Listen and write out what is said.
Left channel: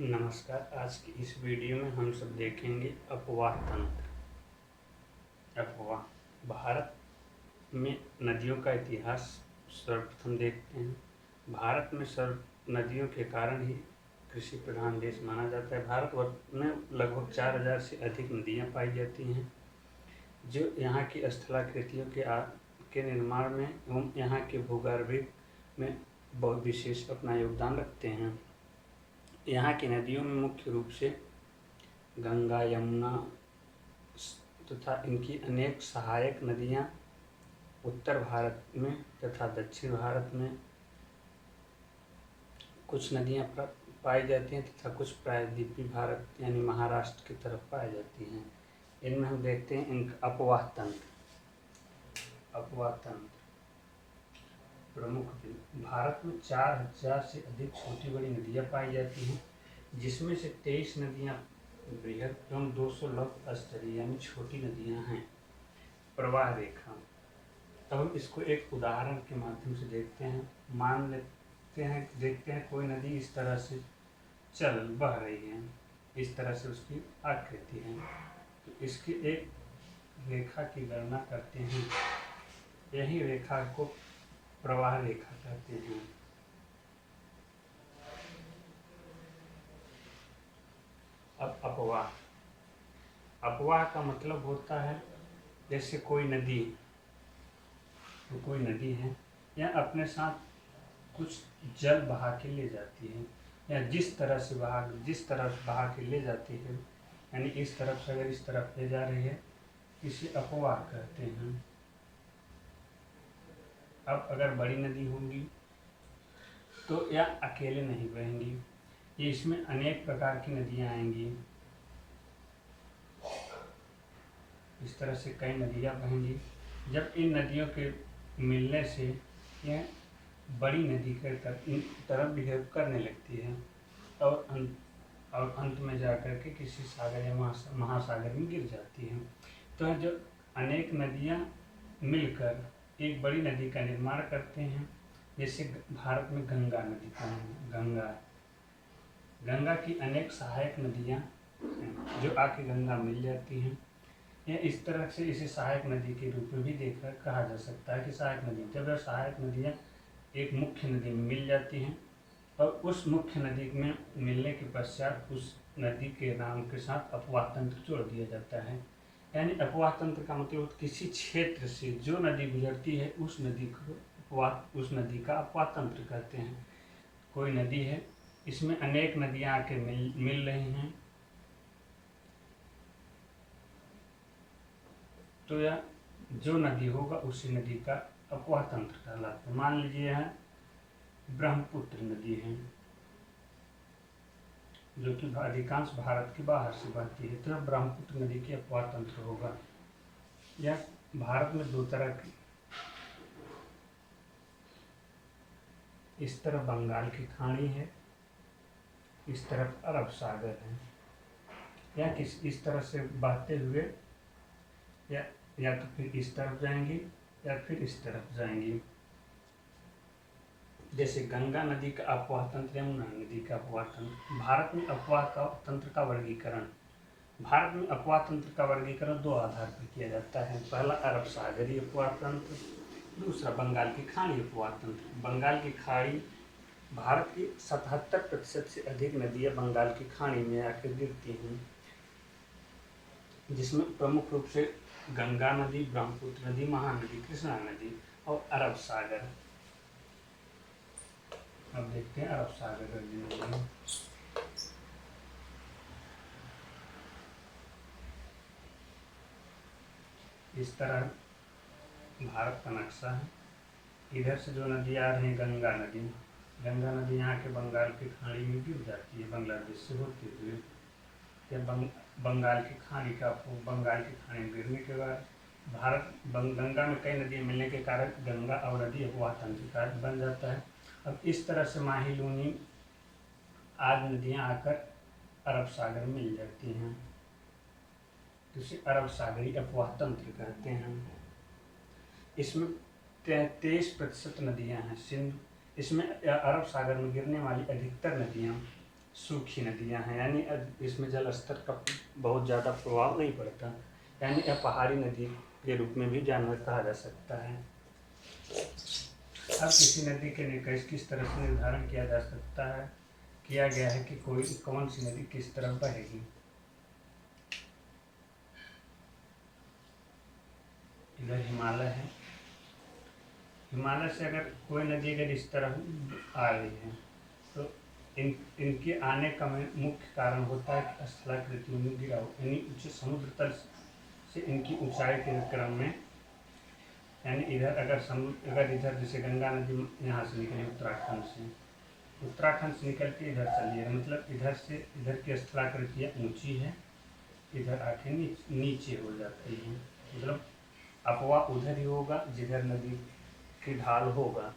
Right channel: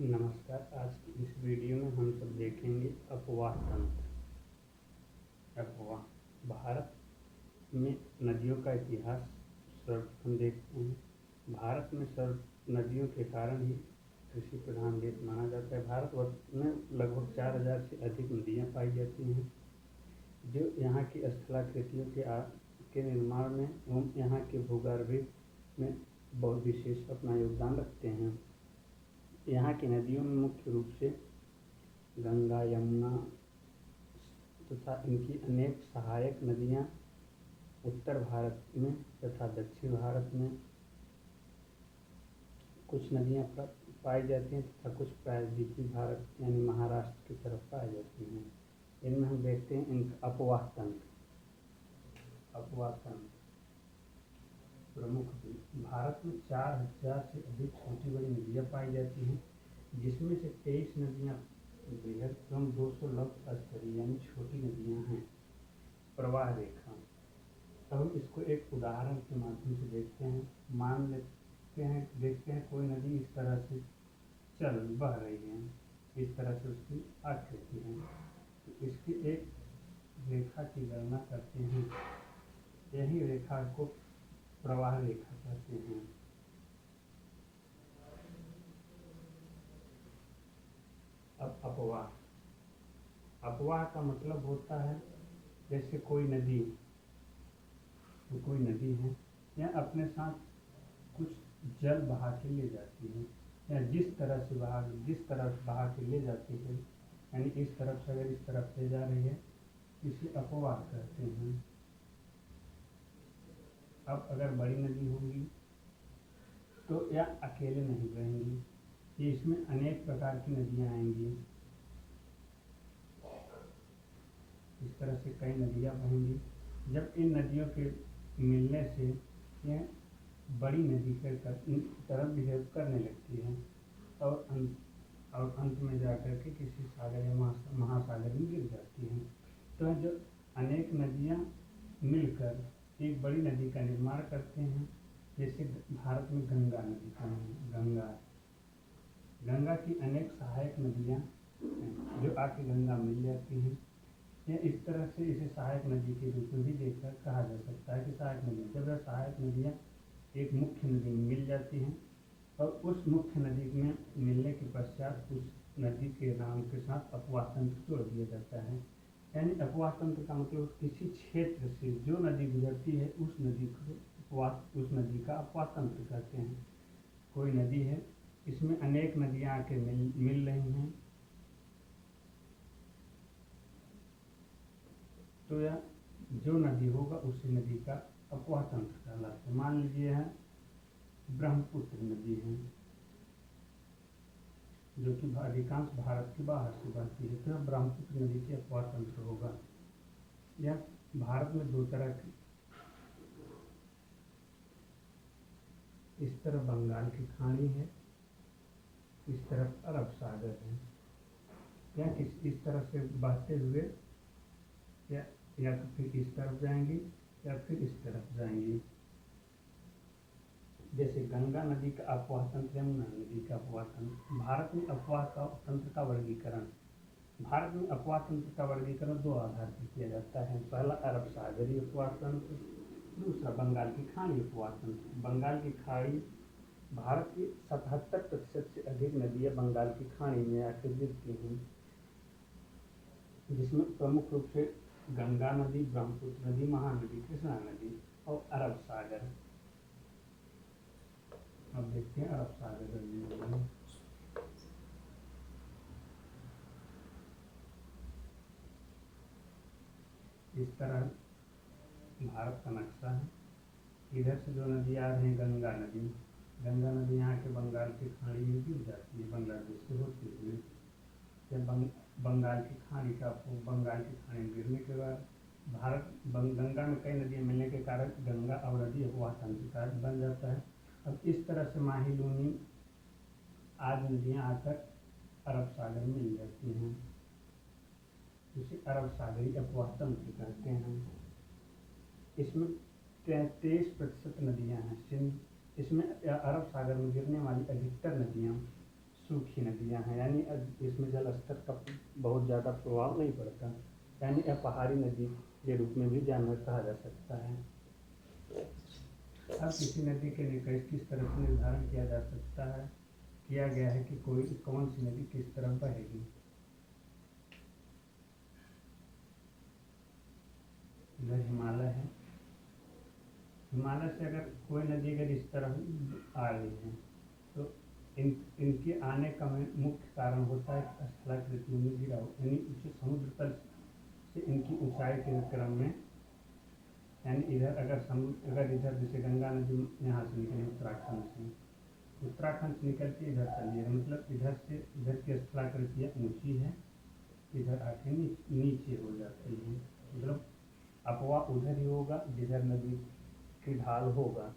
नमस्कार। आज की इस वीडियो में हम सब देखेंगे अपवाह तंत्र। अपवाह भारत में नदियों का इतिहास सर्वप्रथम देखते हैं। भारत में सर्व नदियों के कारण ही कृषि प्रधान देश माना जाता है। भारतवर्ष में लगभग 4000 से अधिक नदियां पाई जाती हैं, जो यहाँ की स्थलाकृतियों के निर्माण में एवं यहाँ के भूगर्भिक में बहुत विशेष अपना योगदान रखते हैं। यहाँ की नदियों में मुख्य रूप से गंगा, यमुना तथा इनकी अनेक सहायक नदियाँ उत्तर भारत में तथा दक्षिण भारत में कुछ नदियाँ पाई जाती हैं तथा कुछ प्रायद्वीपीय भारत यानी महाराष्ट्र की तरफ पाई जाती हैं। इनमें हम देखते हैं इनका अपवाह तंत्र प्रमुख। भारत में 4000 से अधिक छोटी बड़ी नदियाँ पाई जाती हैं, जिसमें से 23 नदियाँ बृहद एवं 200 लघु स्तरीय यानी छोटी नदियाँ हैं। प्रवाह रेखा, अब हम इसको एक उदाहरण के माध्यम से देखते हैं। मान लेते हैं, देखते हैं कोई नदी इस तरह से बह रही है, इस तरह से उसकी आकृति है, तो इसकी एक रेखा की गणना करते हैं। यही रेखा को प्रवाह रेखा कहते हैं। अब अपवाह का मतलब होता है जैसे कोई नदी है या अपने साथ कुछ जल बहा के ले जाती है, या जिस तरह से बहा के ले जाती है, यानी इस तरफ से अगर इस तरफ ले जा रही है, इसे अपवाह कहते हैं। अब अगर बड़ी नदी होंगी तो यह अकेले नहीं बहेंगी, ये इसमें अनेक प्रकार की नदियाँ आएंगी। इस तरह से कई नदियाँ बहेंगी। जब इन नदियों के मिलने से यह बड़ी नदी के तरफ बिहेव करने लगती है और अंत में जाकर के किसी सागर या महासागर में गिर जाती है। तो जब अनेक नदियाँ मिलकर एक बड़ी नदी का निर्माण करते हैं, जैसे भारत में गंगा नदी का है। गंगा की अनेक सहायक नदियाँ जो आके गंगा मिल जाती हैं, या इस तरह से इसे सहायक नदी के रूप में भी देखकर कहा जा सकता है कि सहायक नदी, जब सहायक नदियाँ एक मुख्य नदी में मिल जाती हैं और उस मुख्य नदी में मिलने के पश्चात उस नदी के नाम के साथ अपवाह तंत्र जोड़ दिया जाता है। यानी अपवाह तंत्र का मतलब किसी क्षेत्र से जो नदी गुजरती है उस नदी का अपवाह तंत्र कहते हैं। कोई नदी है, इसमें अनेक नदियाँ आके मिल रही हैं, तो यह जो नदी होगा उसी नदी का अपवाह तंत्र कहलाता है। मान लीजिए है ब्रह्मपुत्र नदी है, जो कि अधिकांश भारत के बाहर से बहती है, तो ब्रह्मपुत्र नदी के अपवाह तंत्र होगा। यह भारत में दो तरह की, इस तरफ बंगाल की खाड़ी है, इस तरफ अरब सागर है, या इस तरह से बहते हुए या तो फिर इस तरफ जाएंगी या फिर इस तरफ जाएंगी। जैसे गंगा नदी का अपवाह तंत्र, यमुना नदी का अपवाह तंत्र। भारत में अपवाह तंत्र का वर्गीकरण दो आधार पर किया जाता है। पहला अरब सागरीय अपवाह तंत्र, दूसरा बंगाल की खाड़ी अपवाह तंत्र। बंगाल की खाड़ी, भारत की 77% से अधिक नदियाँ बंगाल की खाड़ी में आकर गिरती हैं, जिसमें प्रमुख रूप से गंगा नदी, ब्रह्मपुत्र नदी, महानदी, कृष्णा नदी और अरब सागर। अब देखते हैं अरब सागर नदी। इस तरह भारत का नक्शा है। इधर से जो नदी आ रही है गंगा नदी यहाँ के बंगाल की खाड़ी में गिर जाती है, बांग्लादेश से होते हुए। बंगाल की खाड़ी में गिरने के बाद गंगा में कई नदियाँ मिलने के कारण गंगा और नदी अपवाह तंत्र का बन जाता है। अब इस तरह से माही, लूनी आदि नदियाँ आकर अरब सागर में मिल जाती हैं, जिसे अरब सागरी अपवाह तंत्र कहते हैं। इसमें 33% नदियाँ हैं। इसमें अरब सागर में गिरने वाली अधिकतर नदियाँ सूखी नदियाँ हैं, यानी इसमें जल स्तर का बहुत ज़्यादा प्रभाव नहीं पड़ता, यानी यह पहाड़ी नदी के रूप में भी जानवर कहा जा सकता है। अब किसी नदी के निकाय किस तरह से निर्धारण किया जा सकता है, किया गया है कि कौन सी नदी किस तरफ बहेगी। इधर हिमालय है, हिमालय से अगर कोई नदी अगर इस तरफ आ रही है तो इनके आने का मुख्य कारण होता है कि स्थलाकृतियों में गिरावट, यानी उच्च समुद्र तल से इनकी ऊंचाई के क्रम में, यानी इधर अगर इधर जैसे गंगा नदी यहाँ से निकली उत्तराखंड से निकल के इधर चली है, मतलब इधर की स्थलाकृतियाँ ऊंची है, इधर आके नीचे हो जाती है, मतलब अपवा उधर ही होगा जिधर नदी की ढाल होगा,